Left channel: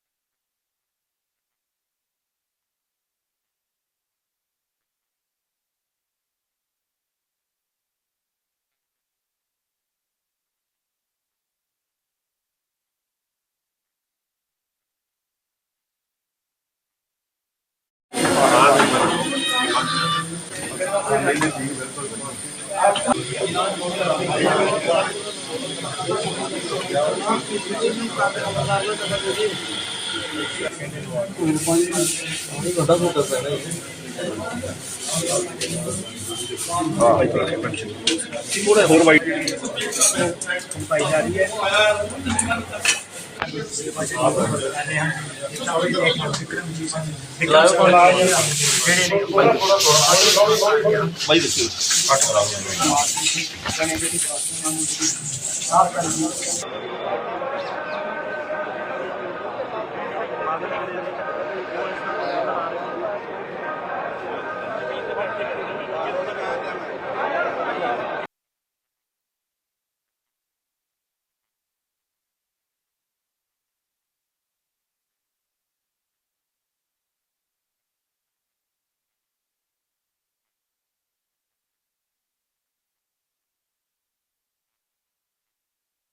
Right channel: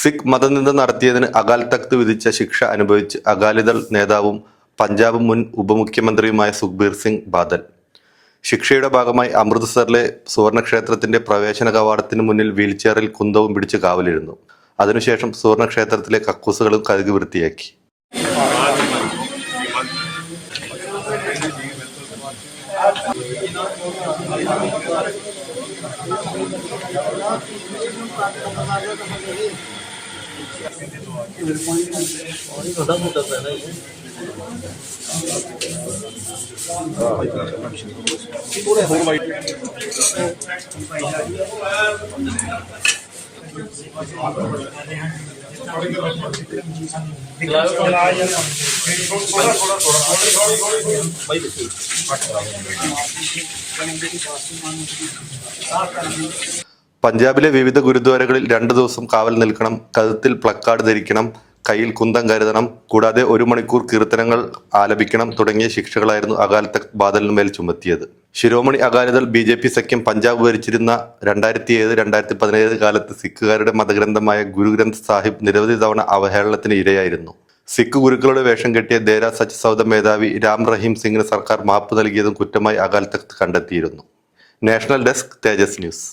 സിഖ് മതനിന്ദ നടത്തിയതിന് അകാൽ തഖ്ത് വിധിച്ച ശിക്ഷ അനുഭവിച്ച് അകാലിദൾ നേതാവും പഞ്ചാബ് മുൻ ഉപമുഖ്യമന്ത്രിയുമായ സുഖ്ബീർ സിംഗ് ബാദൽ ശിക്ഷയുടെ ഭാഗമായി അമൃത്സറിലെ സുവർണക്ഷേത്രത്തിന്റെ പ്രവേശന കവാടത്തിന് മുന്നിൽ വീൽചെയറിൽ കുന്തവും പിടിച്ച് കാവലിരുന്നു. അതിനുശേഷം സുവർണക്ഷേത്രത്തിലെ കക്കൂസുകളും കഴുകി വൃത്തിയാക്കി. പഞ്ചാബിലെ വിവിധ ഗുരുദ്വാരകളിൽ 2 ദിവസം കാവൽ നിൽക്കണം, കഴുത്തിൽ പ്ലക്കാർഡ് ധരിക്കണം, കയ്യിൽ കുന്തം കരുതണം, കൂടാതെ 1 മണിക്കൂർ കീർത്തനങ്ങൾ ആലപിക്കണം തുടങ്ങിയ ശിക്ഷകളായിരുന്നു അകാൽ തഖ്ത് ബാദലിനുമേൽ ചുമത്തിയത്. ശിരോമണി അകാലിദൾ BJP സഖ്യം പഞ്ചാബ് ഭരിച്ചിരുന്ന 2007-2017 കാലത്ത് സിഖുകാരുടെ മതഗ്രന്ഥമായ ഗുരു ഗ്രന്ഥ് സാഹിബ് നിരവധി തവണ അവഹേളനത്തിന് ഇരയായിരുന്നു. സിഖ് ഗുരുക്കളുടെ വേഷം കെട്ടിയ ദേര സച്ച് സൗദ മേധാവി രാം റഹീം സിംഗിന് സർക്കാർ മാപ്പ് നൽകിയതും കുറ്റമായി അകാൽ തഖ്ത് കണ്ടെത്തിയിരുന്നു. നാഷണൽ ഡെസ്ക്, തേജസ് ന്യൂസ്.